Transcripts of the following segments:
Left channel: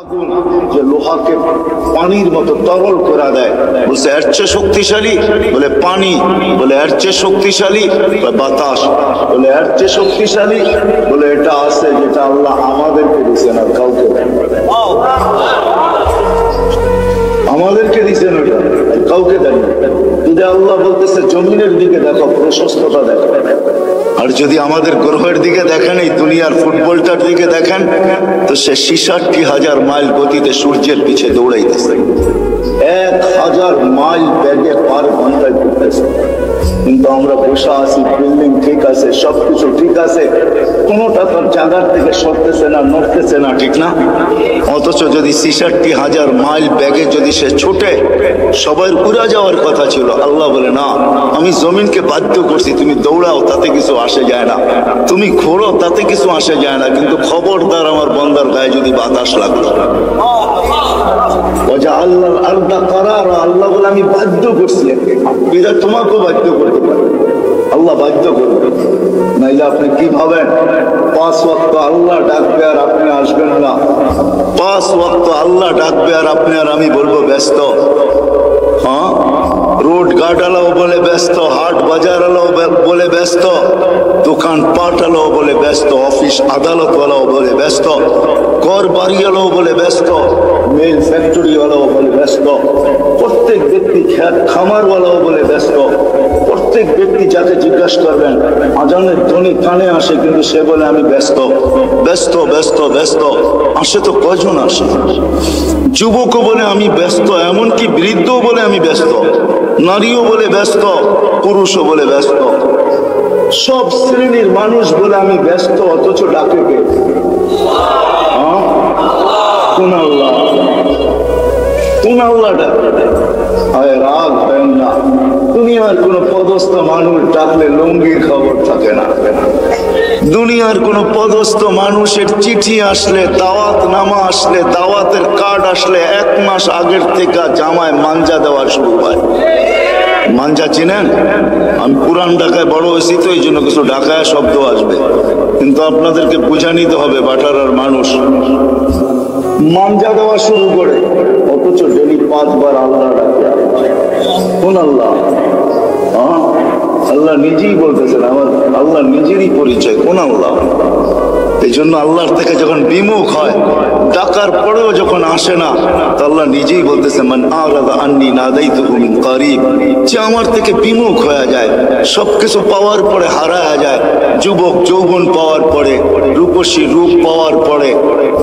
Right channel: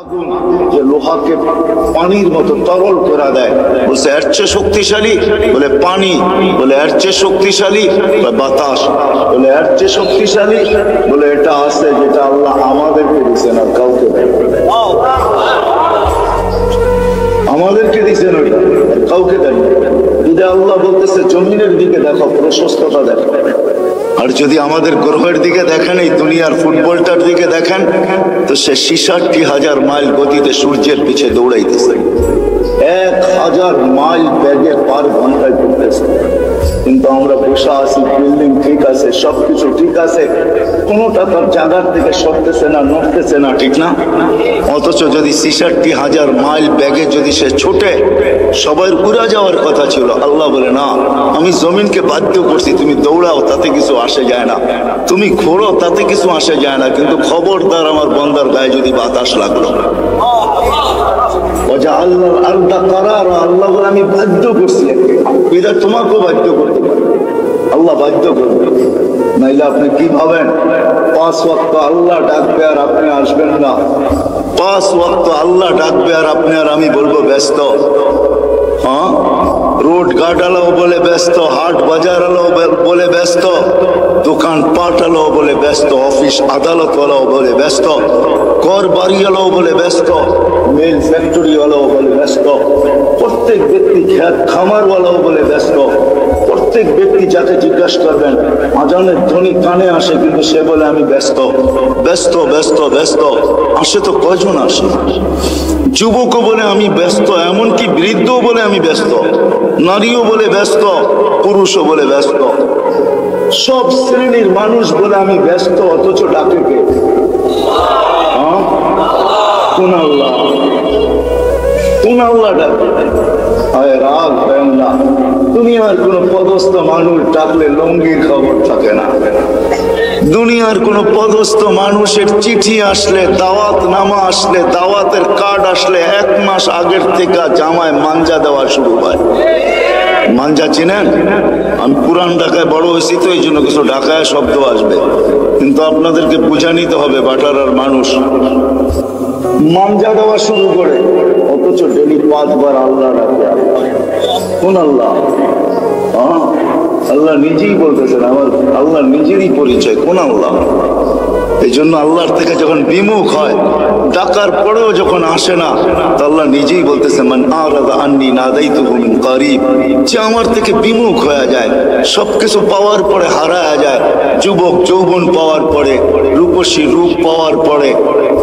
আগুন যে লোহাকে পানির মতো তরল করে দেয়, বলছে এর চেয়ে শক্তিশালী, বলে পানি, বলে এর চেয়ে শক্তিশালী বাতাস, বলে এর চেয়ে শক্তিশালী, বলে এটা আছে যেটা আল্লাহ আমাদেরকে দিচ্ছেন আর কাউকে দেন, আমাদেরকে দিচ্ছেন ওইটা আর কাউকে দেন। যদি আল্লাহ বলতেছে জমিনের দিকে দেখো, প্রশস্ততা দেখো, আর যদি আমাদের গ্রহের দিকে দেখেন, এই দুনিয়ার ফুটবলটার দিকে দেখেন, তো সে ৬৬,০০০ মাইল গতিতে সূর্যের পিছে দৌড়াইতেছে, ১,০০০ মাইল বেগে পার ঘন্টায় ঘুরতেছে। কিন্তু আমরা বসে আছি, বিল্ডিং ঠিক আছে, সবকিছু ঠিক আছে, কোনোটা তার জায়গার থেকে সরতেছে না, নড়তেছে না, ঠিক না? অথচ যদি ৬৬,০০০ মাইল ব্যাগে যদি সে ছুটে, সবাই উড়া যাওয়ার কথা ছিল, আল্লাহ বলে না, আমি জমিনকে বাধ্য করছি, তুমি দৌড়াও, তাতে কিছু আসে যায় না, তুমি ঘোরো, তাতে কিছু আসে যায় না, কিন্তু খবরদার আমার বন্দার গায়ে যদি বাতাস লাগলো, আল্লাহ আল্লাহ করার, আল্লাহ বলে আমি বাধ্য করছি, এটা তোমাকেও বাধ্য করতে পারে, আল্লাহ বাধ্য করবে। নাইলে আপনি কি ভাবেন ৫ ওয়াক্ত আল্লাহ ডাকবে আর আপনি আসবেন না? ৫ ওয়াক্ত আল্লাহ ডাকবে আর আপনি আর আমি বলবো ব্যস্ত? হ্যাঁ, রোড গার্ডওয়ালাও বলে ব্যস্ত, হাট বাজার বলে ব্যস্ত, দোকান পাটওয়ালাও বলে ব্যস্ত, অফিস আদালতওয়ালাও বলে ব্যস্ত, ঘর বাড়িওয়ালাও বলে ব্যস্ত, মিল ফ্যাক্টরিওয়ালাও বলে ব্যস্ত, প্রত্যেক ব্যক্তি খেত খামারওয়ালাও বলে ব্যস্ত, প্রত্যেক ব্যক্তি যাকে জিজ্ঞাসা করবেন আজানের ধ্বনি কানে আসে, কিন্তু সে বলে আমি ব্যস্ত, ব্যস্ত, ব্যস্ত, ব্যস্ত। আসে তো কয়জন আসে? যুবকও বলে আমি ব্যস্ত, এমনকি বৃদ্ধও বলে আমি ব্যস্ত, নারীও বলে ব্যস্ত, পুরুষও বলে ব্যস্ত, সব শ্রেণীর মানুষ বলে আমি ব্যস্ত, অথচ ডাকে কে? কোন আল্লাহ? কোন আল্লাহ ডাকে? রাগ হয় না, দুনিয়ার কোন পদস্থ মানুষ ডাকলে লঙ্গির খবর থাকে না, দুনিয়ার কোন পদস্থ মানুষের চিঠি আসলে, দাওয়াত নামা আসলে, দাওয়াতের কার্ড আসলে ১ মাস আগের থেকে জামায় মাঞ্জা দেওয়া শুরু হয়। মাঞ্জা চিনেন? আমি পুরান ঢাকায় বড় হয়েছি তো এই জন্য কিছু ঢাকায় শব্দ আসবে, কিন্তু আপনাদেরকে বুঝা নিতে হবে, বাটারার মানুষ মাঞ্জা দেওয়া শুরু করে, অথচ ডেলি ৫ বার আল্লাহ ডাকে। আল্লাহ কোন আল্লাহ? আল্লাহ নিজেই বলতেছেন, আমার আল্লাহ নিজেরই পরিচয়, কোন আল্লাহ? এই জন্য আল্লাহর থেকে যখন বিমুখ হয়, ডাকার পরেও যখন আসে না, তো আল্লাহ নিজেই বলতেছে মান আরাদা আন্নি নাদাইতুহু মিন কারিব, যে আমার থেকে বিমুখ হয়ে যায়, সবকিছু পাওয়ার পরে হারায়া যায়, যুবক যৌবন পাওয়ার পরে, রূপসী রূপ পাওয়ার পরে,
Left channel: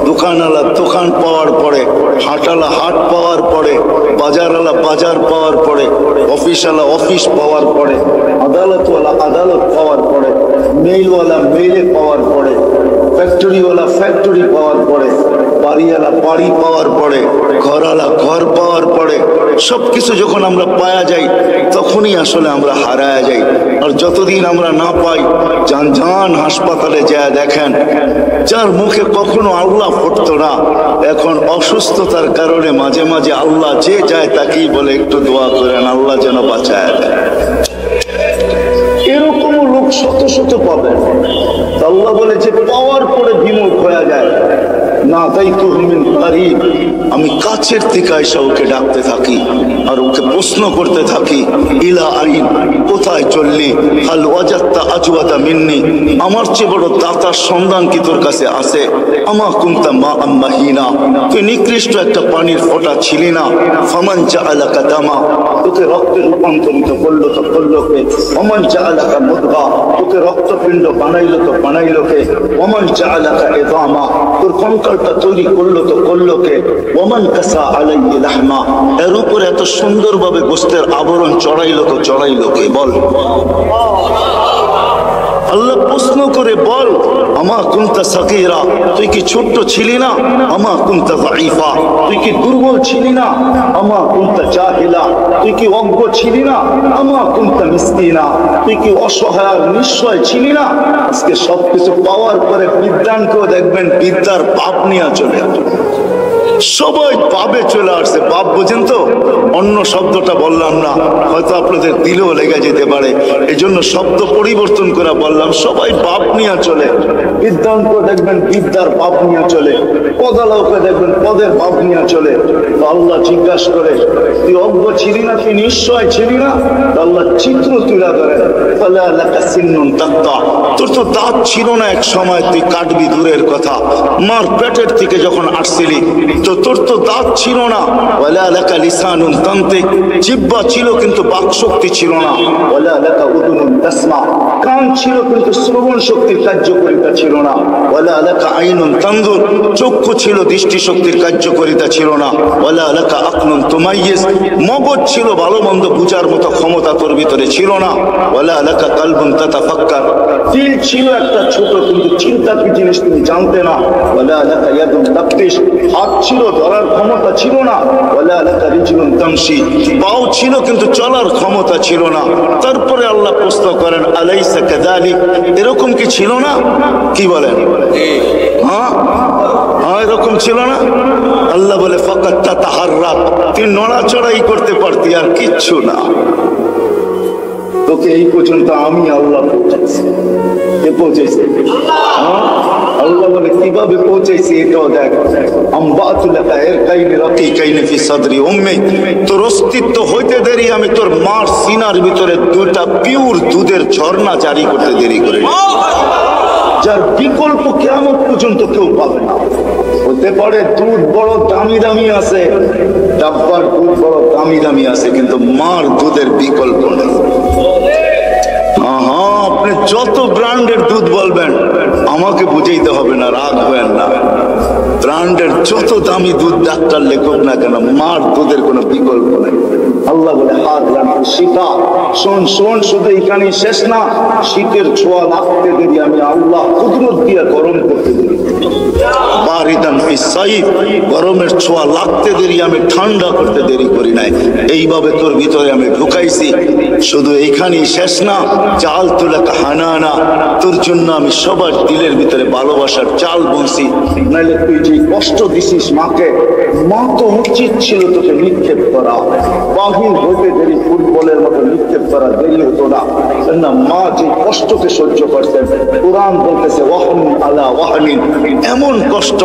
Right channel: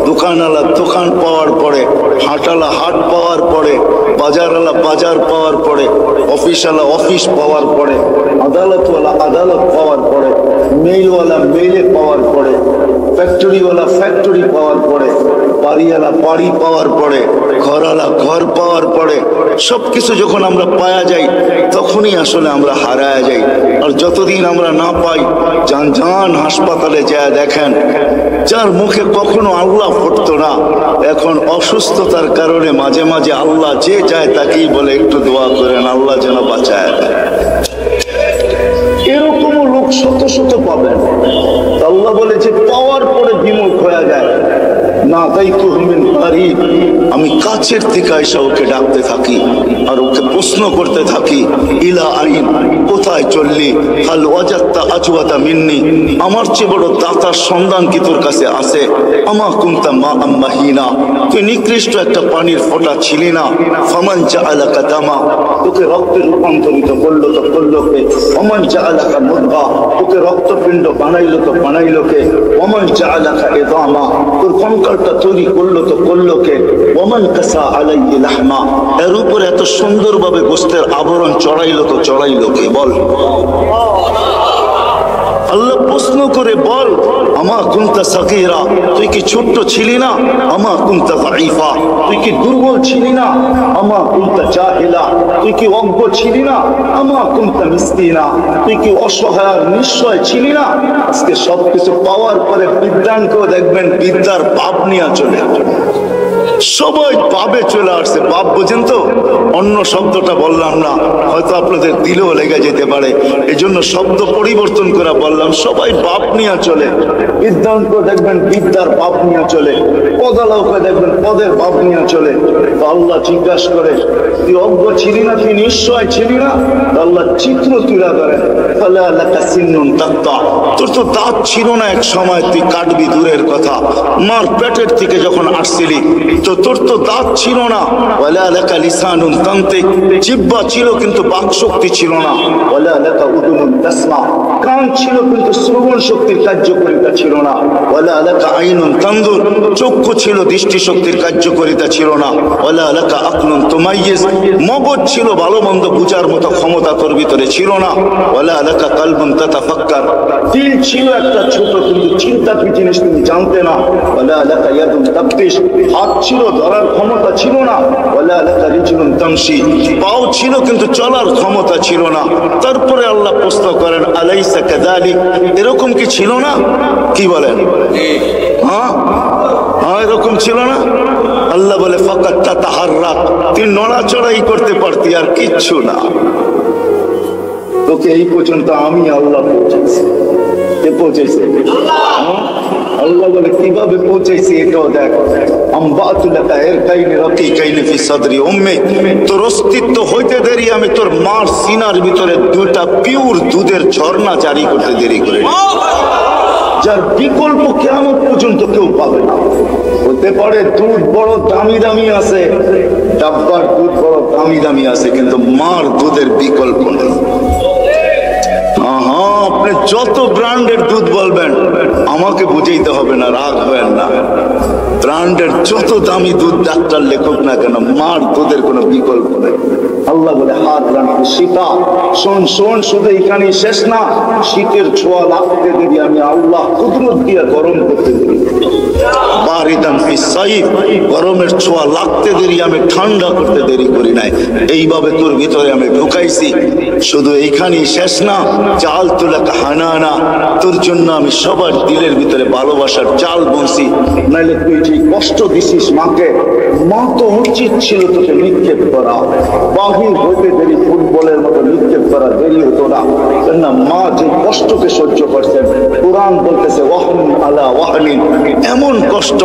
দোকানওয়ালা দোকান পাওয়ার পরে, হাটওয়ালা হাট পাওয়ার পরে, বাজারওয়ালা বাজার পাওয়ার পরে, অফিসওয়ালা অফিস পাওয়ার পরে, আদালতওয়ালা আদালত পাওয়ার পরে, মেইলওয়ালা মেইলে পাওয়ার পরে, ফ্যাক্টরিওয়ালা ফ্যাক্টরি পাওয়ার পরে, বাড়িওয়ালা বাড়ি পাওয়ার পরে, ঘরওয়ালা ঘর পাওয়ার পরে, সবকিছু যখন আমরা পাওয়া যাই, তখনই আসলে আমরা হারায়া যাই। আর যতদিন আমরা না পাই, যান হাসপাতালে যায় দেখেন, যার মুখে কখনো আল্লাহ ফুটতো না, এখন অসুস্থতার কারণে মাঝে মাঝে আল্লাহ যে যায় তাকেই বলে একটু দোয়া করেন, আল্লাহ যেন বাঁচায় দেয়। এরকমও লোক শত শত পাবেন। আল্লাহ বলে যে পাওয়ার পরে বিমুখ হয়ে যায়, না তাই তো আমি কাছের থেকে এসে ওকে ডাকতে থাকি আর ওকে প্রশ্ন করতে থাকি, ইলা আইন, কোথায় চললি? হাল ওয়াজাত্তা আজওয়াতা মিন্নি, আমার চেয়ে বড় দাতার সন্ধান কি তোর কাছে আছে? আমা কুনতা মা আম্মাহিনা, তুই নিকৃষ্ট একটা পানির ফোঁটা ছিলি না? ফামান জাআলাকা দামা, তোকে রক্তে রূপান্তরিত করলো তো করলো কে? ওমান জাআলাকা মুদগা, তোকে রক্তপিণ্ড বানাইলো তো বানাইলো কে? ওমান জাআলাকা ইদামা, তোর কঙ্কালটা তৈরি করলো তো করলো কে? ওমান কাসা আলাইহি লাহমা, এর উপর এত সুন্দরভাবে গোশতের আবরণ চড়াইলো তো চড়াইলো কে? বল। আল্লাহ প্রশ্ন করে বল, আমা কুনতা সাগীরা, তুই কি ছোট্ট ছিলি না? আমা কুনতা যায়ীফা, তুই কি দুর্বল ছিলি না? আমা কুনতা জাহিলা, তুই কি অজ্ঞ ছিলি না? আমা কুনতা মিসকিনা, তুই কি অসহায় নিঃস্বয় ছিলি না? আজকে সবকিছু পাওয়ার পরে বিদ্যানকেও দেখবেন বিদ্যার পাপ নিয়ে চলে, সবাই বাবে চলে আসছে। বাপ বোঝেন তো, অন্য শব্দটা বললাম না, হয়তো আপনাদের দিলেও লেগে যেতে পারে, এই জন্য শব্দ পরিবর্তন করে বললাম। সবাই বাপ নিয়ে চলে, বিদ্যাঙ্ক দেখবেন বিদ্যার বাপ নিয়ে চলে, পদালকে দেখবেন পদের বাপ নিয়ে চলে। তো আল্লাহ জিজ্ঞাসা করে, তুই অজ্ঞ ছিলি না, তুই নিশ্চয় ছিলি না? আল্লাহ চিত্র তুলে ধরেন, তোর তো দাঁত ছিল না এক সময়, তুই কাটবি দূরের কথা। মার পেটের থেকে যখন আসছিলি তো তোর তো দাঁত ছিল না। জিহ্বা ছিল কিন্তু বাক শক্তি ছিল না। কান ছিল কিন্তু শ্রবণ শক্তির কার্যকারিতা ছিল না। চক্ষু ছিল দৃষ্টি শক্তির কার্যকারিতা ছিল না। মগজ ছিল ভালো মন্দ বুঝার মতো ক্ষমতা তোর ভিতরে ছিল না। দিল ছিল একটা ছোট, কিন্তু চিন্তা কি জিনিস তুমি জানতে না। হাত ছিল ধরার ক্ষমতা ছিল না। পাও ছিল কিন্তু চলার ক্ষমতা ছিল না। তারপরে আল্লাহ প্রশ্ন করেন, আলাইসা কাযালিক, এরকম কি ছিল না? কি বলেন? হ্যাঁ, এরকম ছিল না? আল্লাহ বলে ফাকাত তাতাহাররাক, তুই নড়াচড়াই করতে পারতি, আর কিচ্ছু না। তোকে এই পর্যন্ত আমি আল্লাহ পৌঁছাচ্ছি। কে পৌঁছেছে? আল্লাহ বলে কিভাবে পৌঁছাইছি এটাও দেখ। তোর অস্তিত্ব হইতে দেরি আমি তোর মার সিনার ভিতরে দুইটা পিওর দুধের ঝর্ণা জারি করতে দেরি করে, যার বিকল্প কিয়ামত পর্যন্ত কেউ পাবে না। হতে পারে দুধ বড় দামি দামি আছে, ডাব্বার দুধ বড় দামি দামি আছে, কিন্তু মার দুধের বিকল্প নেই। আপনি যত ব্র্যান্ডের দুধ বলবেন আমাকে বুঝাইতে হবে না, রাগ হবেন না। ব্র্যান্ডের যত দামি দুধ ডাক্তার লেখক না কেন, মার দুধের কোনো বিকল্প নেই। আল্লাহ বলে হাত রাখি শীতা, শোন শোন, শুধু এখানেই শেষ না। শীতের ছোঁয়া লাগতে দেরি আমি আল্লাহ কুদরত দিয়ে গরম করতে দেরি, গরমের ছোঁয়া লাগতে দেরি আমি ঠান্ডা করতে দেরি করি নাই। এইভাবে তোর ভিতরে আমি ঢুকাইছি। শুধু এইখানেই শেষ না, চাল তুলে হানানা, তোর জন্য আমি সবার দিলের ভিতরে ভালোবাসার চাল বুনছি। নাইলে তুই যে কষ্ট দিছিস মাকে, মা তো উচিত ছিল তোকে নিক্ষেপ করা, বাহির হইতে দেরি ফুটবলের মতো নিক্ষেপ করা দেরি হতো না। কেননা মা যে কষ্টকে সহ্য করছেন, কোরআন বলতেছে ওয়াহনিন আলা ওয়াহনিন, এমন কষ্ট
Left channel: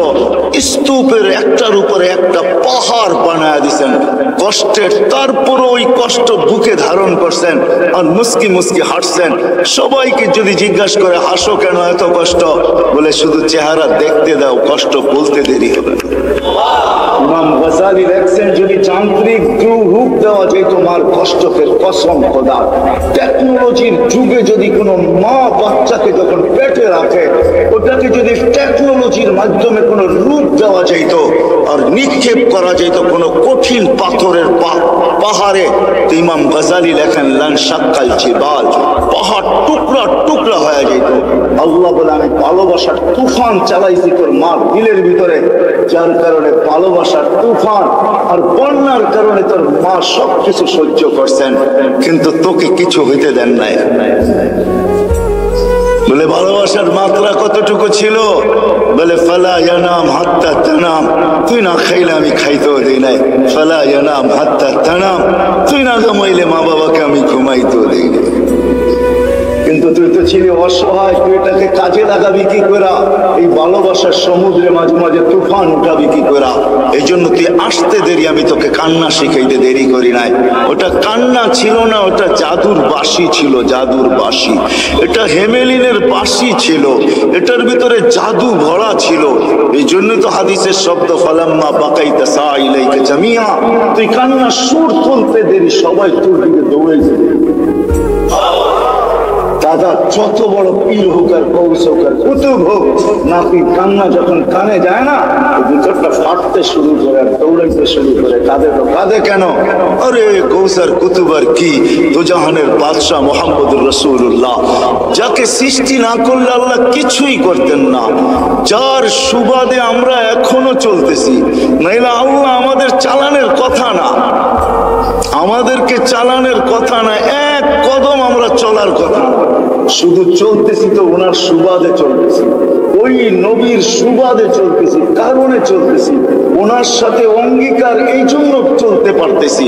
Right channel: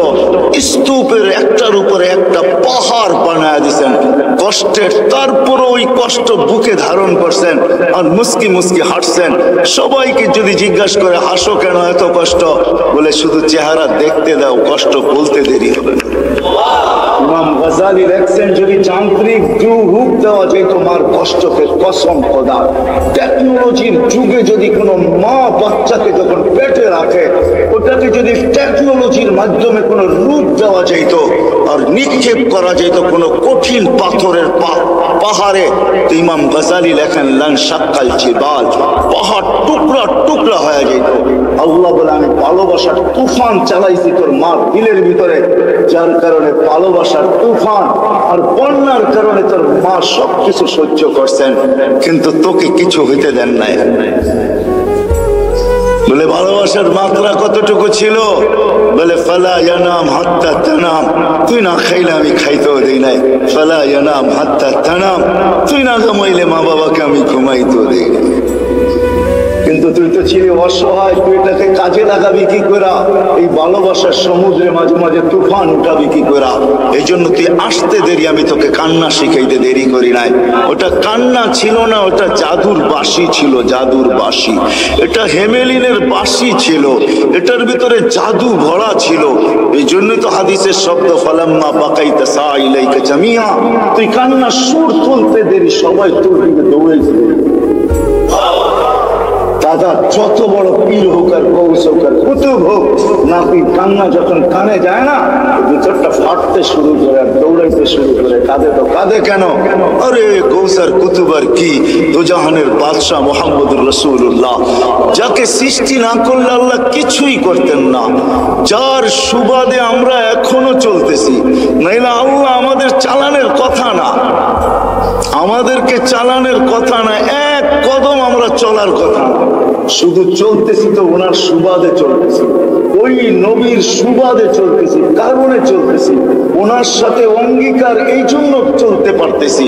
স্তূপের একটার উপরে একটা পাহাড় বানায় দিছেন কষ্টের। তারপর ওই কষ্ট বুকে ধারণ করছেন আর মুস্কি মুস্কি হাঁটছেন। সবাইকে যদি জিজ্ঞাসা করে হাসো কেন এত কষ্ট, বলে শুধু চেহারা দেখতে দাও, কষ্ট বলতে দেরি হবে না। ইমাম গাজালি লেখছেন, যদি যান্ত্রিক রূপ দেওয়া যেত মার কষ্টকে, কসম খোদা, টেকনোলজির যুগে যদি কোনো মা বাচ্চাকে যখন পেটে রাখে, ওটাকে যদি টেকনোলজির মাধ্যমে কোনো রূপ দেওয়া যেত আর নিক্ষেপ করা যেত কোনো কঠিন পাথরের পাহাড়ে, তো ইমাম গাজালি লেখেন লান শাক্কাল জিবাল, পাহাড় টুকরা টুকরা হয়ে যেত। আল্লাহ বলে আমি ভালোবাসার তুফান চালাইছি তোর মার দিলের ভিতরে, যার কারণে ভালোবাসার তুফান আর বন্যার কারণে তোর মা সবকিছু সহ্য করছেন, কিন্তু তোকে কিছু হইতে দেন নাই। বলে ভালোবাসার মাত্রা কতটুকু ছিল? বলে ফালা ইয়ানাম হাত্তা তানাম, তুই না খাইলে আমি খাইতেও দেই নাই। ফালা ইয়ানাম হাত্তা তানাম, তুই না ঘুমাইলে মা বাবাকে আমি ঘুমাইতেও দেই নাই। কিন্তু তুই তো ছিলি অসহায়, তুই এটাকে কাজে লাগাবি কি করা? এই ভালোবাসার সমুদ্রে মাঝে মাঝে তুফান উঠাবি কি করা? এই জন্য তুই আসতে দেরি, আমি তোকে কান্না শিখাইতে দেরি করি নাই। ওটা কান্না ছিল না, ওটা জাদুর বাঁশি ছিল, জাদুর বাঁশি। এটা হেমেলিনের বাঁশি ছিল, এটার ভিতরে জাদু ভরা ছিল। এই জন্যই তো হাদিসের শব্দ ফালাম্মা বাকাইতা সাইলাইকা জামিয়া, তুই কান্না সুর তুলতে দেরি, সবাই তোর দিকে দৌড়াইতে দেরি। দাদা যত বড় পীর হোক আর গৌস হোক আর কুতুব হোক, নাতির কান্না যখন কানে যায় না, ভিতরটা ফাটতে শুরু করে আর দৌড়াইতে শুরু করে। কাঁদে তো কাঁদে কেন? আরে গৌস আর কুতুব আর কি, দুজাহানের বাদশাহ মুহাম্মদুর রাসূলুল্লাহ, যাকে সৃষ্টি না করলে আল্লাহ কিছুই করতেন না, যার সুবাদে আমরা এখনো চলতেছি। নাইলে আল্লাহ আমাদের চালানের কথা না, আমাদেরকে চালানের কথা না, এক কদম আমরা চলার কথা না। শুধু চলতেছি তো ওনার সুবাদে চলতেছি, ওই নবীর সুবাদে চলতেছি, কারণে চলতেছি, ওনার সাথে অঙ্গীকার, এই জন্য চলতে পারতেছি।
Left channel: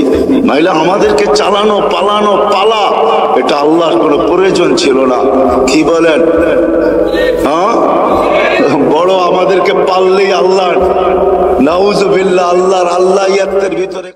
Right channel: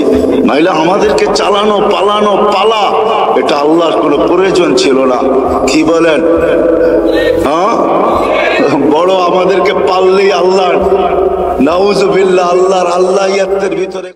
নাইলে আমাদেরকে চালানো পালানো পালা এটা আল্লাহর কোনো প্রয়োজন ছিল না। কি বলেন? হ্যাঁ, বড় আমাদেরকে পাললেই আল্লাহ, নাউজুবিল্লাহ, আল্লাহর আল্লাহিয়াতের ভিতরে